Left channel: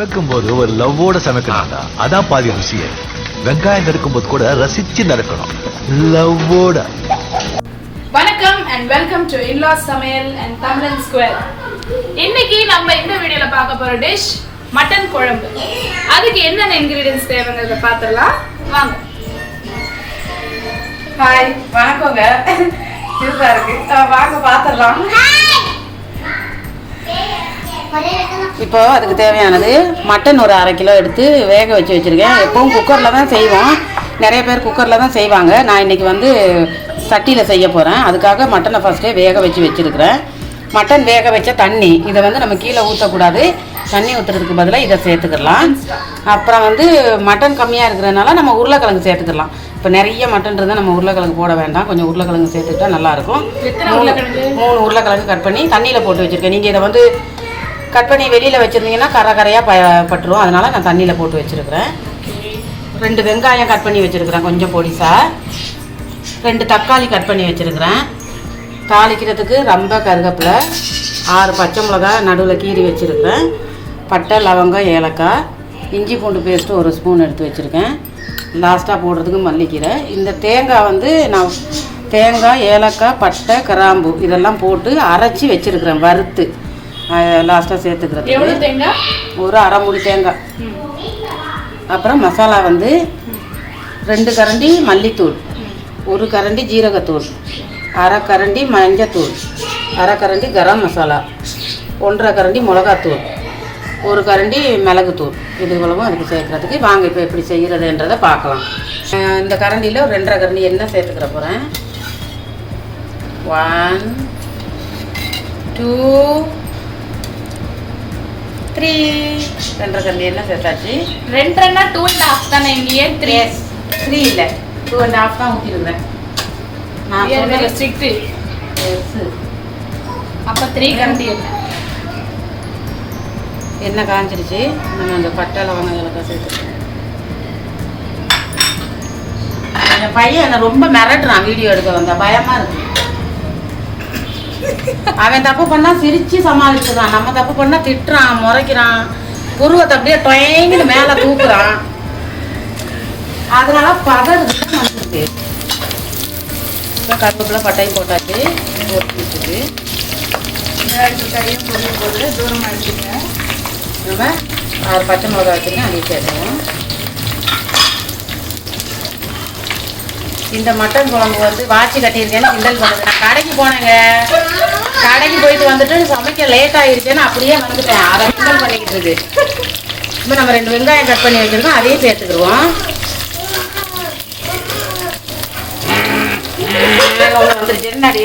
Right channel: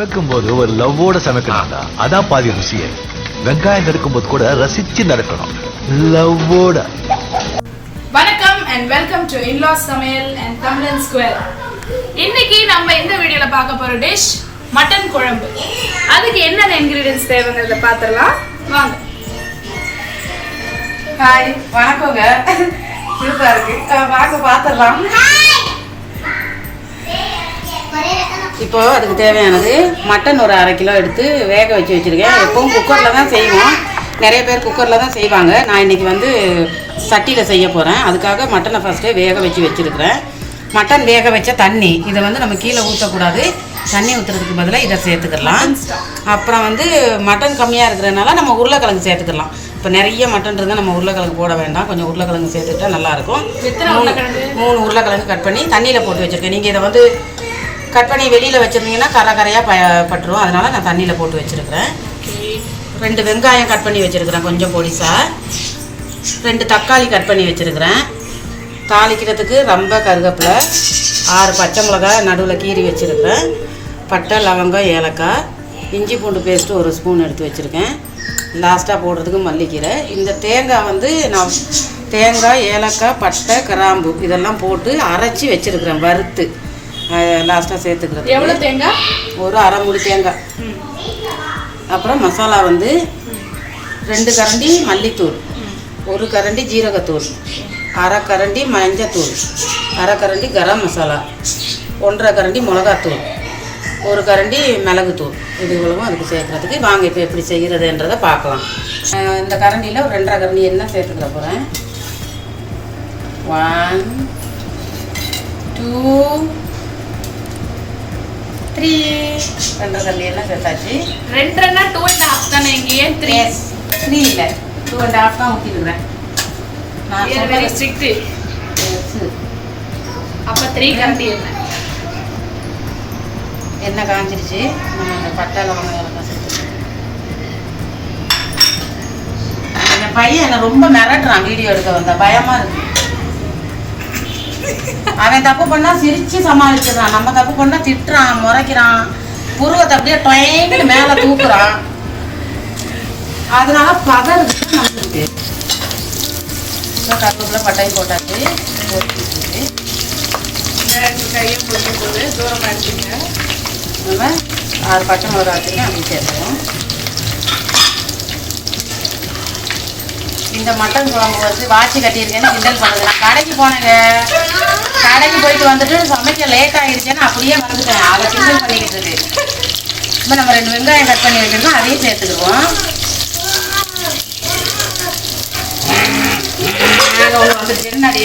சமைக்கும் போது ஒரு லவ்வோட சமைக்கணும்டா, அதான் பாதி ருசியே. வெங்காயம் நறுக்கும் போது கூட ரசிச்சு நறுக்கணும், லவ்வோட. வணக்கம் அண்ட் வெல்கம் டு இன்லாஸ் சமையல் அண்ட் தமிழன் ஸ்கொயர். இன்னைக்கு நம்ம இந்த வீடியோல பார்க்க போற டிஷ் மட்டன் குழம்பு. அதுக்கு என்னென்ன இன்கிரிடியன்ஸ் தேவைங்கிறத பார்த்துடலாம் வாங்க. ஹாய், வணக்கங்க. சூப்பரா இருக்கு, வாங்க பார்த்துடலாம். இப்போ அதுக்கு தேவையானது மட்டன் ஒரு 1/2 கிலோ எடுத்து வேக வச்சு வச்சுருக்கேன். எப்பவும் குக்கரில் தான் செய்வோம், நிறைய பேர் குக்கரில் தான் செய்வாங்க. நான் இன்றைக்கி வந்து சட்டியில் செய்ய போகிறேன். அதுக்காக மட்டனை ஃபஸ்ட்டே வேக வச்சு வச்சுருக்கிறேன். மட்டன் வேக வச்ச தண்ணி இதை வந்து நம்ம கீழே ஊற்றக்கூடாது, தண்ணி ஊற்றுறதுக்கு பதிலாக இதை சேர்த்துக்கலாம். அப்புறம் வந்து மட்டன் கம்மியாக இருக்கிறதுனால நம்ம உருளைக்கிழங்கு சேர்த்துக்கலாம். இப்போ நிறைய மட்டன் இருந்தால் நம்ம உருளைக்கிழங்கு போட வேண்டாம், கொஞ்சம் உருளைக்கிழங்கு சேர்த்துக்கிட்டா நல்லாயிருக்கும். 3 உருளைக்கிழங்கு கட் பண்ணி தண்ணியில் போட்டு வச்சுருக்கேன். நீங்கள் இதை வந்து கட் பண்ணி வெளியில் வச்சுருந்தீங்கன்னா கரையாக பட்டுரும், அதனால் நான் தண்ணியில் போட்டு வச்சுருக்கிறேன். 2 வெங்காயம் கட் பண்ணி வச்சுருக்கிறேன் கொஞ்சம் பொடிசாக. 2 தக்காளி கட் பண்ணி வச்சுருக்கிறேன். தாளிக்கிறதுக்கு ரொம்ப கருவேப்பிலை, 6 பச்சை மிளகா நடுவில் கீறி வச்சுருக்கிறேன். பட்டை, லவங்கம், ஏலக்காய், இஞ்சி பூண்டு பேஸ்ட்டு 1 ஸ்பூன் எடுத்து வச்சுருக்கேன். லாஸ்ட்டாக போடுறதுக்கு மல்லிக்கீரை. இந்த தேங்காய் வந்து நான் தேங்காய், ஏலக்காய், பட்டை, கிராம்பு இதெல்லாம் போட்டு அரைச்சி வச்சுருக்கிறேன் வறுத்து. லாஸ்ட்டாக சேர்த்துக்கிறது ஒரு 1/2 மூடி தேங்காய். அப்புறம் மசாலா வந்து 2 கரண்டி மல்லித்தூள், 1 கரண்டி ஜீரகத்தூள், 1/2 கரண்டி மஞ்சத்தூள், 1/2 கரண்டி கரம் மசாலா, 1/2 கரண்டி மிளகாத்தூள், 1 கரண்டி மிளகுத்தூள். இது இவ்வளவும் அதுக்கு சேர்க்குறதுக்கு. வாங்க இப்போ எப்படி செய்கிறதுன்றதை பார்க்கலாம். இந்த கரண்டியில் ஒரு 2.5 கரண்டி எண்ணெய் சேர்த்துக்கிற போகிறேன். 1 2 3 2.5 கரண்டி எண்ணெய் சேர்த்தாச்சு. 2 2.5 தானே? இங்கே 3 இல்லை 2.5 தான் ஊற்றிடுவேன். நான் வெரி ஸ்ட்ரிக்ட். அப்போ 3 கரண்டி எண்ணெய் காஞ்சிருச்சு. நம்ம இந்த பட்டை லவங்கம் சேர்த்துக்கிறேன். என் பையன் என்னை ரொம்ப மிரட்டுறான், வீடியோ எடுக்க வந்தா பயமாக இருக்கு. அவன் தப்பு பண்ணா சிரிச்சு சமாளிச்சுதான், நம்ம தப்பு பண்ணா திட்டுறான், முறைக்கிறான், புருவத்தை அப்படியே டொயங்கிட்டு மேலே தூக்குறான். அதனால பதறது நமக்கு. இப்போ கருவேப்பிலை பட்டையும் போட்டாச்சு. நம்ம 6 பச்சை மிளகா எடுத்துங்க, அங்கே சேர்த்துவோம். இந்த மட்டன் குழம்பு வந்து வாட்சி கட்டியிருக்கேன்னு கிண்டல் பண்ணுது. நான் கடைக்கு போனேங்க, கடைக்கு போயிட்டு வந்துட்டு சமைக்க லேட் ஆகிருச்சேன்னு அப்படியே வந்துட்டேன். அதை கிண்டல் பண்ணிக்கிட்டு இருக்கு. இப்போ நம்ம 2 வெங்காயம் கட் பண்ணி வைக்கணும், அதையும் சேர்த்துக்குருவோம். ஒன்று வந்துருச்சு என்னடி,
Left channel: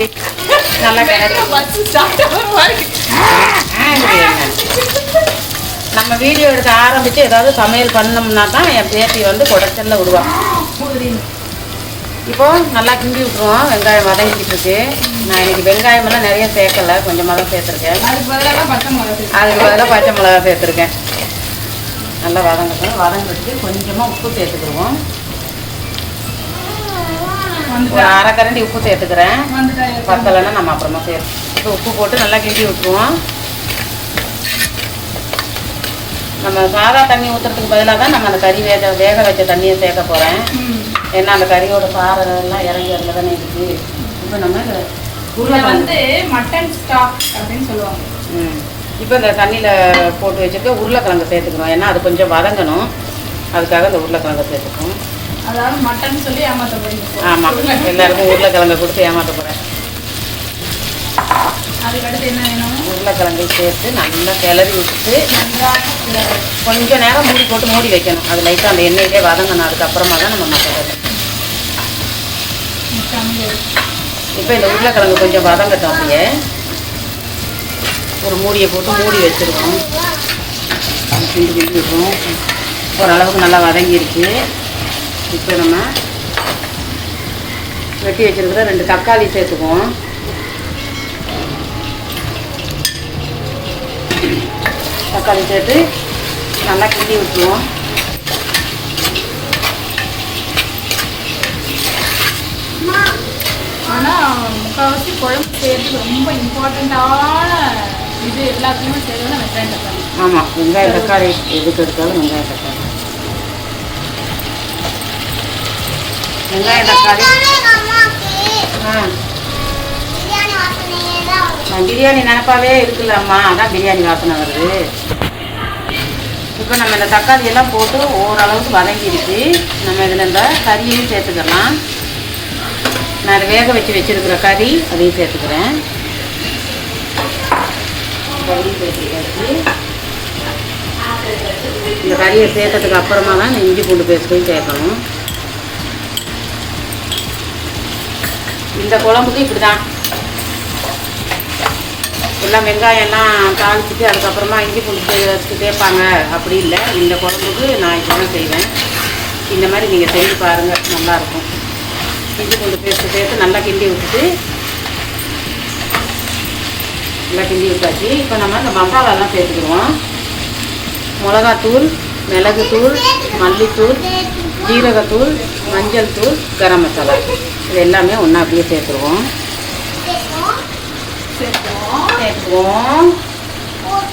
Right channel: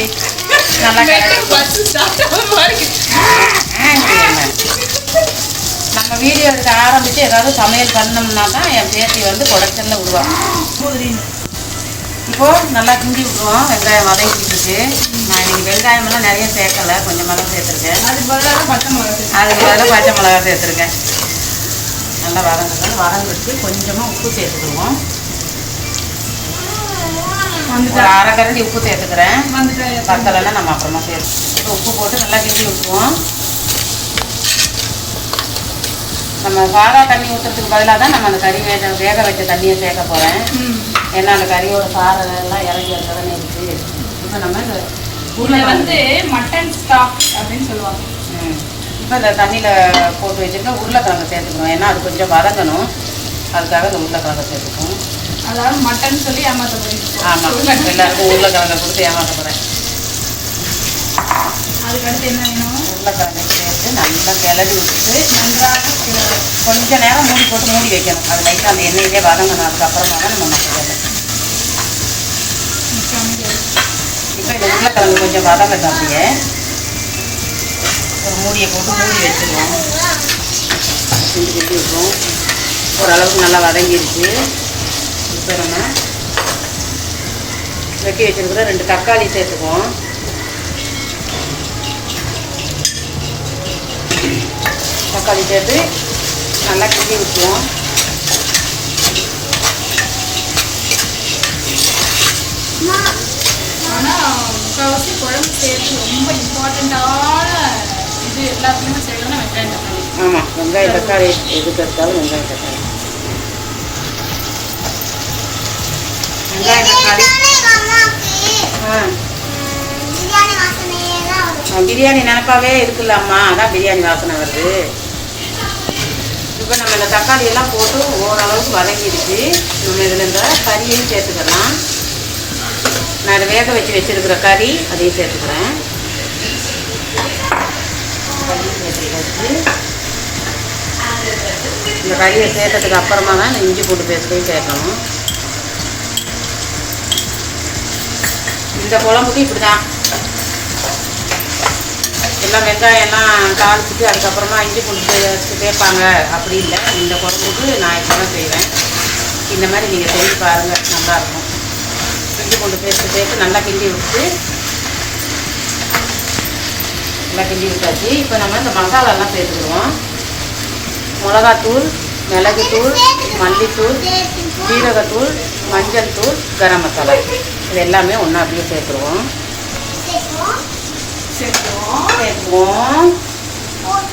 நல்லா நம்ம வீடியோ எடுக்க ஆரம்பித்து ஏதாவது சமையல் பண்ணோம்னா தான் என் பேத்தி வந்து குடைச்சல்ல விடுவான். இப்போது நல்லா கிண்டி விட்டுருவோம். வெங்காயம் வதங்கிட்டு இருக்கு. நான் இன்றைக்கி வெங்காயமெல்லாம் நிறைய சேர்க்கலை, கொஞ்சமாக தான் சேர்த்துருக்கேன். அதுக்கு பதிலாக பச்சை மிளகா சேர்த்துருக்கேன். நல்லா வதங்கிட்டு கொஞ்சமாக உப்பு சேர்த்துக்குவோம். ஒரு 1/2 கரண்டி உப்பு சேர்த்துக்கிறேன். பத்தலைன்னா நம்ம அப்புறமா சேர்த்து உப்பு போட்டு நல்லா கிண்டி விட்டுருவோம். நம்ம சாதா தண்ணி ஊற்றுறதுக்கு பதிலாக தான் நம்ம அந்த கறி வேக வச்ச தண்ணியை சேர்க்க போகிறேன். ஏன்னா அந்த கறியோட சாரெல்லாம் இறங்கி வரல தானே இருக்குது. இப்போ நம்ம இதில் வந்து மட்டன் ஸ்டாக் அப்படின்னு சொல்லுவாங்க. இப்போ இந்த தண்ணியில் போட்டு வச்சுருக்க உருளைக்கிழங்கு சேர்த்துக்கணும். ஏன்னா அது கொஞ்சம் வதங்கணும், அதுக்காக இந்த உருளைக்கிழங்கு சேர்த்துக்கணும். அதாவது மட்டன் சொல்லி ஏமாற்ற போகிறேன். ஆமாம், எல்லாருக்கும் உருளைக்கிழங்கை கொடுத்து ஏமாற்ற போகிறேன். அதுக்கடுத்து என்ன வேணும்? உருளைக்கிழங்கு சேர்த்து நல்லா கிளறி விட்டு கொஞ்சம் நேரம் மூடி போட்டு மூடி வைக்கணும். அது லைட்டாக அந்த எண்ணெயிலே வதங்கணும். அதுக்கப்புறமா தான் நம்ம மசாலா. இப்போ இந்த உருளைக்கிழங்கு கொஞ்சம் வதங்கட்டும். அப்படியே ஒரு மூடியை போட்டு மூடி வச்சிருவோம். கிண்டி கிண்டி வைப்போம். ஓரளவுக்கு நல்லா வதங்கிடுச்சு. இப்போ நம்ம வெட்டி வச்சுருக்கிற 2 தக்காளி சேர்த்துக்குவோம். தக்காளி சேர்த்து நல்லா கிண்டி விட்டுருவோம். ஆனால் முக்கால்வாசி குழம்பு சேர்த்து ரொம்ப இம்பார்ட்டண்ட்டான இது எல்லாத்தையுமே செய்யணும்னா வெங்காயம் தக்காளி. ஆமாம், வெங்காயம் தக்காளி எதுக்கு எடுத்தாலும் வெங்காயம் தக்காளி பிரியாணி நினப்பாவே இருக்குல்ல அம்மா, அதான் பிரியாணி வாசனை வருது. இப்போ நம்ம இந்த தக்காளி எல்லாம் போட்டு ஓரளவுக்கு வதங்கிடுச்சு. நம்ம இதில் இந்த கறியையும் சேர்த்துக்கலாம். நான் வேக வச்சுருக்கிற கறி அதையும் சேர்த்துக்கிறேன். இந்த கறியை சேர்த்ததுக்கு அப்புறமா தான் இஞ்சி பூண்டு பேஸ்ட்டையும் சேர்க்கணும். இந்த குழம்புக்கு இப்படி தான் எல்லாம் வெங்காயம்லாம் தாளிச்சிட்டு அதுக்கப்புறமா இஞ்சி பூண்டு பேஸ்ட்டு சேர்ப்பாங்க, அப்படி இல்லை. இந்த குழம்புக்கு நான் இப்போ தான் செய்வேன். இந்த மாதிரி நீங்கள் செஞ்சு பாருங்கள், நல்லாயிருக்கும். இஞ்சி பூண்டு பேஸ்ட்டு சேர்த்து நல்லா கிண்டி விட்டுட்டு நல்லா கிண்டி விட்டாச்சு. இப்போ நம்ம இந்த மசாலாலாம் சேர்த்துக்குவோம். மிளகாத்தூள், மிளகுத்தூள், மல்லித்தூள், ஜீரகத்தூள், மஞ்சள் தூள், கரம் மசாலா, இது எல்லாமே ஒன்றா அப்படியே சேர்த்துருவோம்.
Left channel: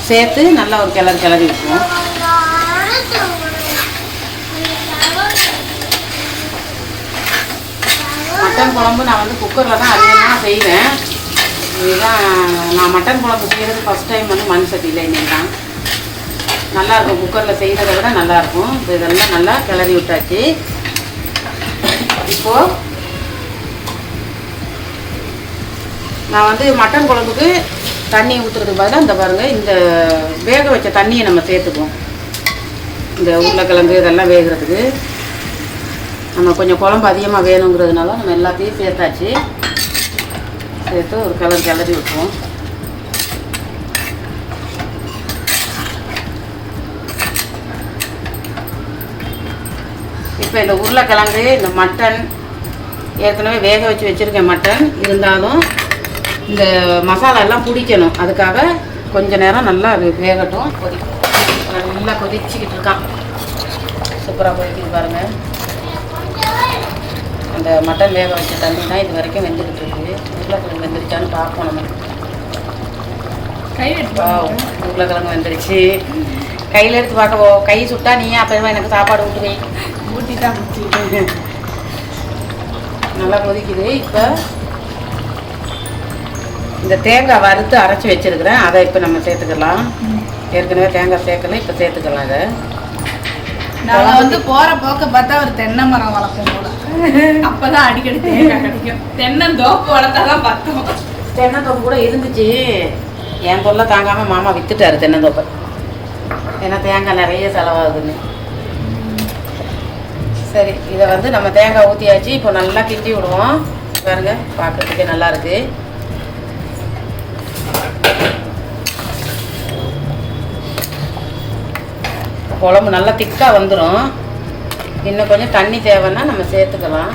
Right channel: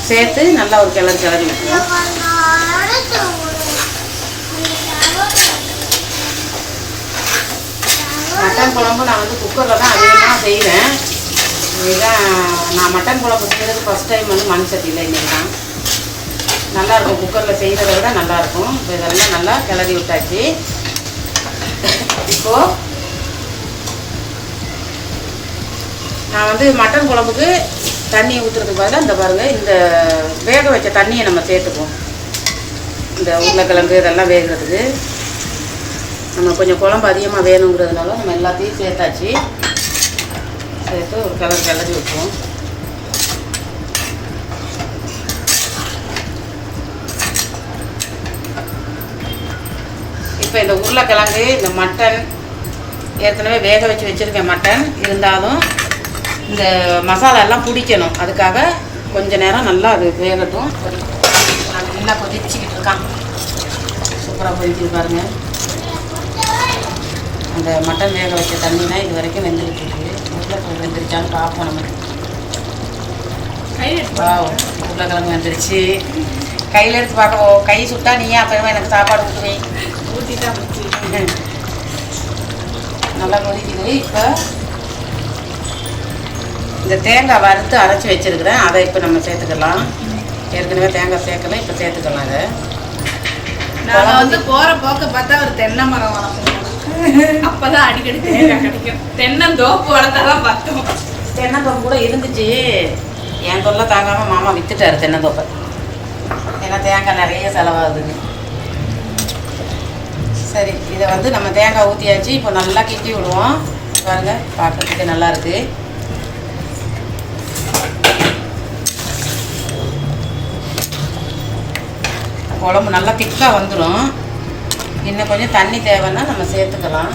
சேர்த்து நல்லா ஒரு கிளறி விட்டுருவோம். மட்டன் குழம்பு நான் வந்து குக்கரில் தான் அதிகமாக செய்வேன். இதுதான் நான் மட்டன் குழம்பு செய்கிறது ஃபஸ்ட் டைம் வந்து மண் சட்டியில். இன்றைக்கி தான் நல்லாயிருக்கும், குக்கரில் செய்கிறத விட நல்லாயிருக்கும். இப்போ இதெல்லாம் நல்லா கிளறி விட்டாச்சு. இப்போது நான் வந்து மட்டன் குழம்புக்கு தண்ணி ஊற்றுறதுக்கு பதிலாக இந்த பாருங்கள், இந்த வேக வச்ச தண்ணியை நம்ம சேர்த்துக்குவோம். இந்த உருளைக்கிழங்கு இதெல்லாம் வேகிறதுக்கு நம்ம கொஞ்சம் குழம்பு அதிகமாக வேணுங்கிறதுனால நம்ம எல்லாத்தையும் சேர்த்தாச்சு. சேர்த்து ஒரு கிளறி விட்டுருவோம். இப்போ இந்த உருளைக்கிழங்கு, இந்த மட்டன் ஏற்கனவே வேக வச்சு வச்சுருக்கேன். மட்டன் இருந்தாலும் இந்த மசாலா எல்லாம் பிடிக்கணும், அதுக்காக கொஞ்ச நேரம் நல்லா அது வேகட்டும். நல்லா கொதிச்சுக்கிட்டு இருக்கான், சூப்பராக கொதிக்கிட்டு பாருங்க. அந்த மட்டன் வேக வச்ச தண்ணினா இது வரைக்கும் வெந்துருக்கு. உருளைக்கிழங்கு வெந்துருச்சான்னு பார்ப்போம். நம்ம உருளைக்கிழங்கு வெந்துருச்சு. கையில் எடுத்து பார்க்க கை சுட்டா நீ அப்போ எனக்கு சாப்பாடு ஊற்றுவேன். ஊற்றி தான் நல்லா கொதிக்குது. இப்போ இந்த தேங்காய் வறுத்து அரைச்சி வச்சுருக்கிறேன், அதை இப்போ நம்ம சேர்த்துக்கலாம். ஏற்கனவே தேங்காய் சேர்க்கல, இப்போ சேர்த்துக்கலாம். இதை நாங்கள் வந்து போகிற போக்க பார்த்தா ஒரு தென்னை மரம் வளர்க்கணும், அப்போ தான் அடிக்கடி தேங்காய் கிடைக்கும். தென்னந்தோப்பு வளர்த்தாதான் பார்த்தோம். தென்னந்தோப்பு கூட இருந்துச்சு, என் தொல்லை தாங்காமல் மாமா விற்றுட்டாரு தென்னந்தோப்பை. ஏன்னா தேங்காய் நிறைய செலவாகுதுன்னு. சரி, இதை வந்து நம்ம தேங்காய் ஊற்றியாச்சு. இப்போ நல்லா கிண்டி விடுவோம். பாருங்க, பார்க்கறதுக்கே நல்லா இருக்கு. குழம்பு நல்லா திக்காக வந்துடும். இன்னும் கொஞ்சம் தண்ணி தேவைன்னா நம்ம சேர்த்துக்கலாம்.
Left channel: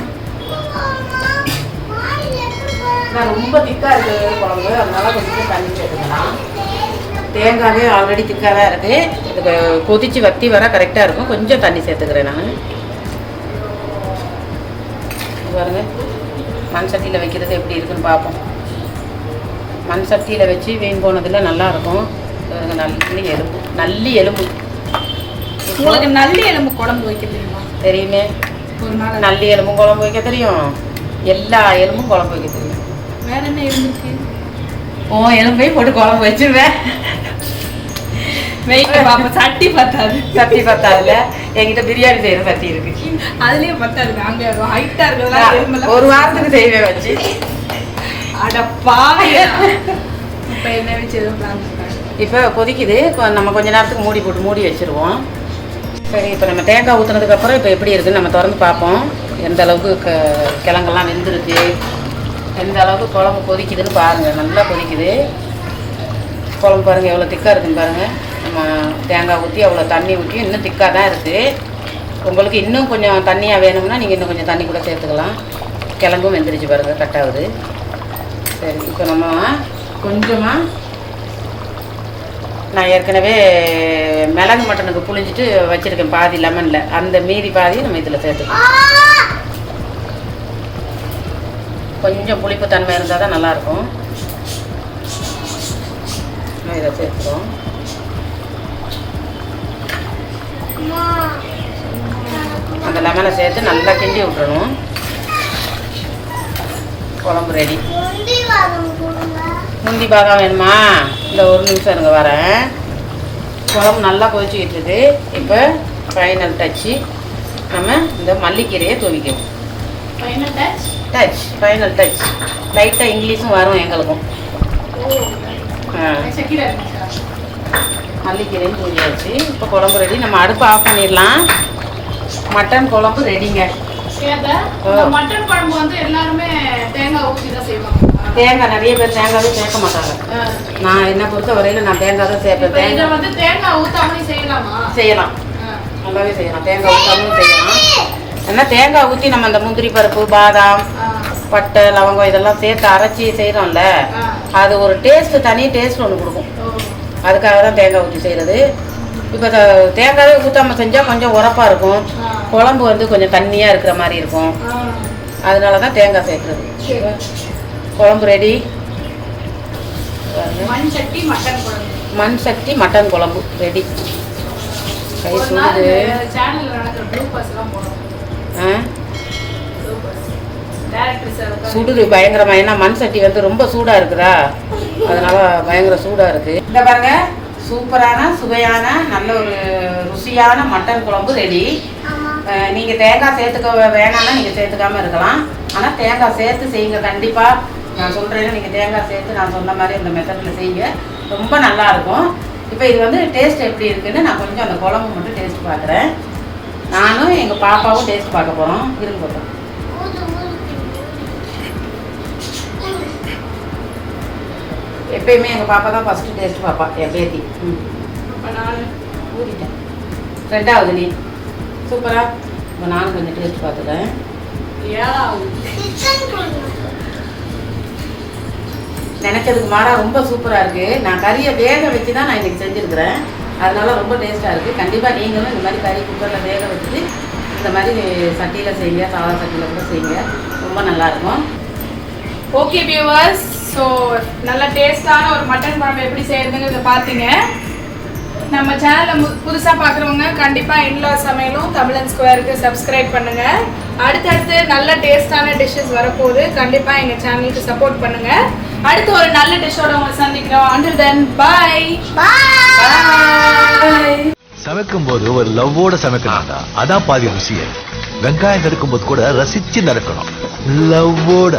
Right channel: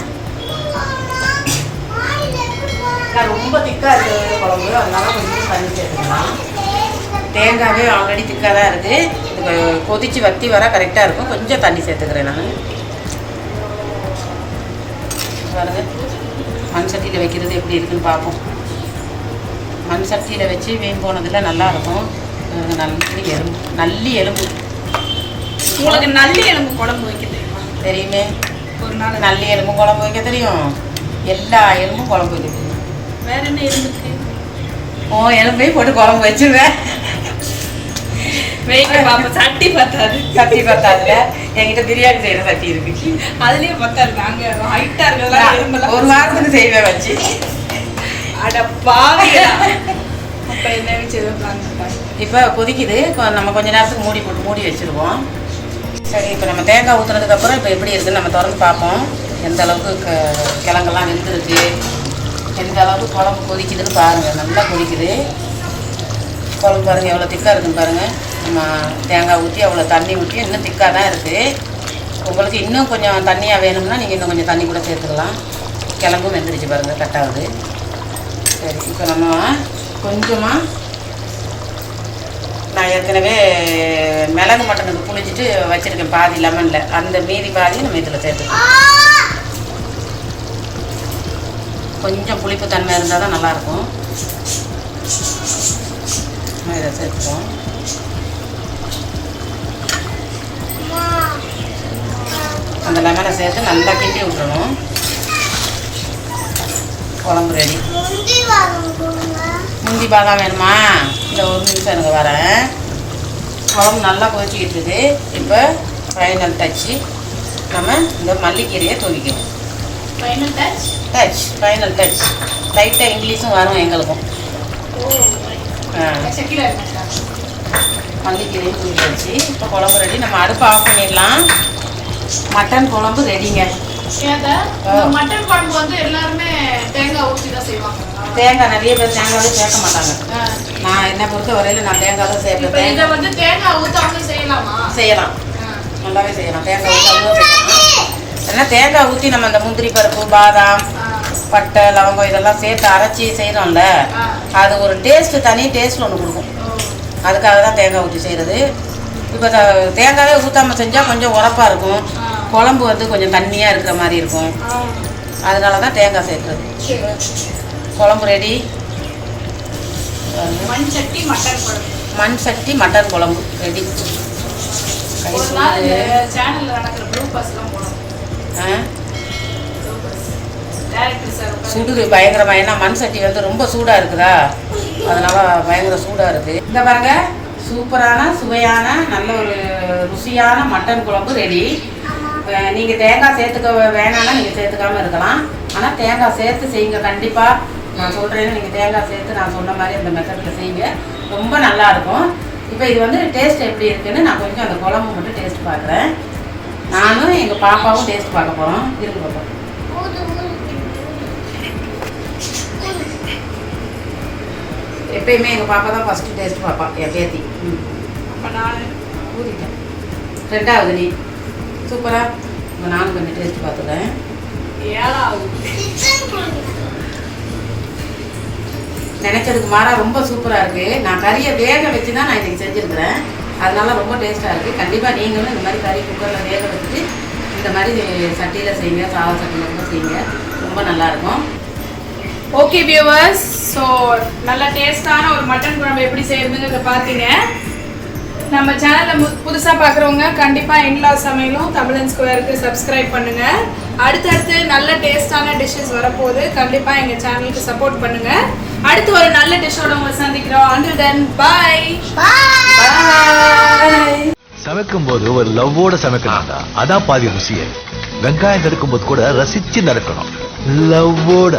ரொம்ப திக்காக இருக்குது குழம்பு, அதனால கொஞ்சம் தண்ணி சேர்த்துக்கலாம். தேங்காவே ஆல்ரெடி திக்காக தான் இருக்குது. இது கொதித்து வத்தி வர கரெக்டாக இருக்கும். கொஞ்சம் தண்ணி சேர்த்துக்கிறேன் நான். பாருங்க, மண் சட்டியில் வைக்கிறது எப்படி இருக்குன்னு பார்ப்போம். மண் சட்டியில் வச்சு வீண் போனதில் நல்லாயிருக்கும். நல்லி எலும்பு. உங்களுக்கு நல்லி எலும்பு குழம்பு வைக்க தெரியுமா? தெரியுமே, ஒரு நாள் நல்லி எலும்பு குழம்பு வைக்க தெரியும். எல்லா எலும்பும் குழம்பு வைக்க தெரியும். வேற என்ன எலும்புக்கு? எலும்பையும் போட்டு குழம்பு வச்சுருவேன். சட்டி பத்தாது. சட்டி பத்தாதுல என்கிட்ட பிரியாணி செய்யற சட்டி இருக்கு, அதுலயே பத்தாது. நாங்க ஹைட்டா இருக்கலாம். ஒரு வாரத்துக்கு செய்வேன் வச்சு. அட பாவியா. அப்ப என்ன வச்சு இப்போ கொதிக்குது. நம்ம கொஞ்ச நேரத்துக்கு மூடி வச்சிருவோம். சரி, இப்போ நம்ம தேங்காய் ஊற்றுனதுக்கப்புறம் இப்போ எப்படி இருக்குன்னு நம்ம திறந்து பார்ப்போம். எந்த அளவுக்கு கிழங்கெல்லாம் வெந்துருக்கு, எந்த அளவுக்கு குழம்பு கொதிக்குதுன்னு பாருங்கள். நல்லா கொதிக்குது குழம்பு. பாருங்கள் எவ்வளோ திக்காக இருக்குன்னு பாருங்கள். நம்ம தேங்காய் ஊற்றி அவ்வளோ தண்ணி ஊற்றி இன்னும் திக்காக தான் இருக்குது. உங்களுக்கு இன்னும் கொஞ்சம் தண்ணியாக வேணும்னா நீங்கள் இன்னும் கொஞ்சம் தண்ணி கூட சேர்த்துக்கலாம். கிழங்கும் வெந்துருச்சு பாருங்கள், கட் ஆகுது. சரி, இப்போ நம்ம கொஞ்சமாக நான் ஏற்கனவே மிளகு மட்டனுக்கு புளிஞ்சிட்டு வச்சுருக்கேன் பாதி லெமனில், அந்த மீதி பாதி நம்ம இதில் சேர்த்துக்கலாம். கொஞ்சம் புளிப்பு தன்மை இருந்தால் தான் நல்லாயிருக்கும். இதை சேர்த்துப்போம். முந்தி பாதாம் வேணுமா? இந்த ஒரு நிமிஷம் இருங்க வரேன். குழம்பு நல்லா கொதிச்சுக்கிட்டு இருக்குது. இப்போ ஃபைனல் டச்சு நம்ம இந்த மல்லிக்கீரையை தூவிக்கணும். Final touch. Final touch. லைட்டாக இங்கிலீஷும் வரும் எங்களுக்கும். மல்லிக்கீரையும் தூவியாச்சு. இப்போ குழம்பு ரெடி. நம்ம அடுப்பு ஆஃப் பண்ணிடலாம். மட்டன் குழம்பு ரெடிங்க. மட்டன் குழம்பு வந்து எல்லாருமே தேங்காய் ஊற்றி தான் செய்வாங்க. தேங்காய் நிறைய பேர் தேங்காவே சேர்க்க மாட்டாங்க. நான் என்ன பொறுத்த வரையில் நான் தேங்காய் தான் சேர்ப்பேன். இதை வந்து தேங்காய் ஊற்றாமலே செய்யலாமா? செய்யலாம், நல்லாவே செய்யலாம். தேங்காய் ஊற்றாமலும் செய்யலாம். ஏன்னா தேங்காய் ஊற்றி நம்ம அந்த முந்திரி பருப்பு, பாதாம், பட்டை, லவங்கம் இதெல்லாம் சேர்த்து அரைச்சி செய்கிறோம்ல, அது ஒரு டேஸ்ட்டு, தனி டேஸ்ட் ஒன்று கொடுக்கும். அதுக்காக தான் தேங்காய் ஊற்றி செய்கிறது. இப்போ தேங்காவே ஊற்றாமல் செஞ்சால் கொஞ்சம் உரப்பாக இருக்கும். குழம்பு வந்து கொஞ்சம் தண்ணியாக இருக்கிற மாதிரி இருக்கும். அதனால தான் தேங்காய் சேர்க்குறது. குழம்பு ரெடி. மண் சட்டி மட்டன் குழம்பு. மண் சட்டி மட்டன் குழம்பு ரெடி. ஒரு நாள் சேனல்ல நடக்கிற ப்ளூபர்ஸ்லாம் போடணும். சுடுது பயங்கரமா. ஏன்னா மண் சட்டி வந்து ரொம்ப சூடாக இருக்குதா, அதனால பயங்கர சூடாக இருக்குது. இந்த பாருங்க, சூப்பரான சுவையான நல்ல ஒரு ருசியான மட்டன் குழம்பு ரெடி. நீங்கள் தேங்காய் சேர்த்துக்க வேணாம்னா நீங்கள் சேர்த்துக்காமல் இருக்கலாம். ஆனால் தேங்காய் சேர்த்து செய்யுங்க கண்டிப்பாக. நான் சொல்கிறேன்னு நீங்கள் தேங்காய் சேர்த்து நான் சொன்ன மாதிரி அந்த மெத்தடில் செய்யுங்க, ரொம்ப நல்லாயிருக்கும். இப்போ இது வந்து டேஸ்ட் எப்படி இருக்குன்னு நான் கொஞ்சம் அந்த குழம்பு மட்டும் டேஸ்ட் பார்க்குறேன். நானும் எங்கள் பாப்பாவும் டேஸ்ட் பார்க்க போகிறோம். இருங்க பார்ப்போம். எப்பயுமே எங்கள் பாப்பா தான் ஃபஸ்ட்டு டேஸ்ட் பாப்பா, என் பேத்தி. ஊதிட்டேன். ரெண்டாவது நீ சூப்பரா. இப்போ நானும் கொஞ்சம் டேஸ்ட் பார்த்துக்கிறேன். நினைச்சதுக்கு மாறா ரொம்ப சூப்பராக இருக்குது. நான் கறியை வேக வச்சு தான் நான் இன்றைக்கி செஞ்சுருக்கிறேன். அதனால ரொம்ப டேஸ்ட்டாக இருக்குது. கண்டிப்பாக நீங்களும் இந்த மாதிரி கறி குக்கரில் வேக வச்சுட்டு இந்த மாதிரி சட்டியில் செய்யுங்க, சாதா சட்டியில் கூட செய்யுங்க, ரொம்ப நல்லாயிருக்கும். ஓகே வியூவர்ஸ், ஸோ நல்ல டேஸ்டான ஒரு மட்டன் குழம்பு எப்படி செய்யறதுங்கிறத பார்த்தீங்க. நம்ம சேனலை புதுசாக பார்க்குறவங்க கண்டிப்பாக இன்லா சமையலும் தமிழன் ஸ்கொயருக்கு சப்ஸ்கிரைப் பண்ணுங்கள். அடுத்தடுத்து நல்ல டேஸ்டான டிஷ்ஷஸ் வரப்போகுது. கண்டிப்பாக எங்கள் சேனலுக்கு சப்போர்ட் பண்ணுங்கள். அடுத்து ஒரு நல்ல டிஷ்ஷோட உங்களை சந்திக்கிறோம். Until then bye bye. சமைக்கும் போது ஒரு லவ்வோட சமைக்கணும்டா, அதான் பாதி ருசியே. வெங்காயம் நறுக்கும் போது கூட ரசிச்சு நறுக்கணும், லவ்வோட.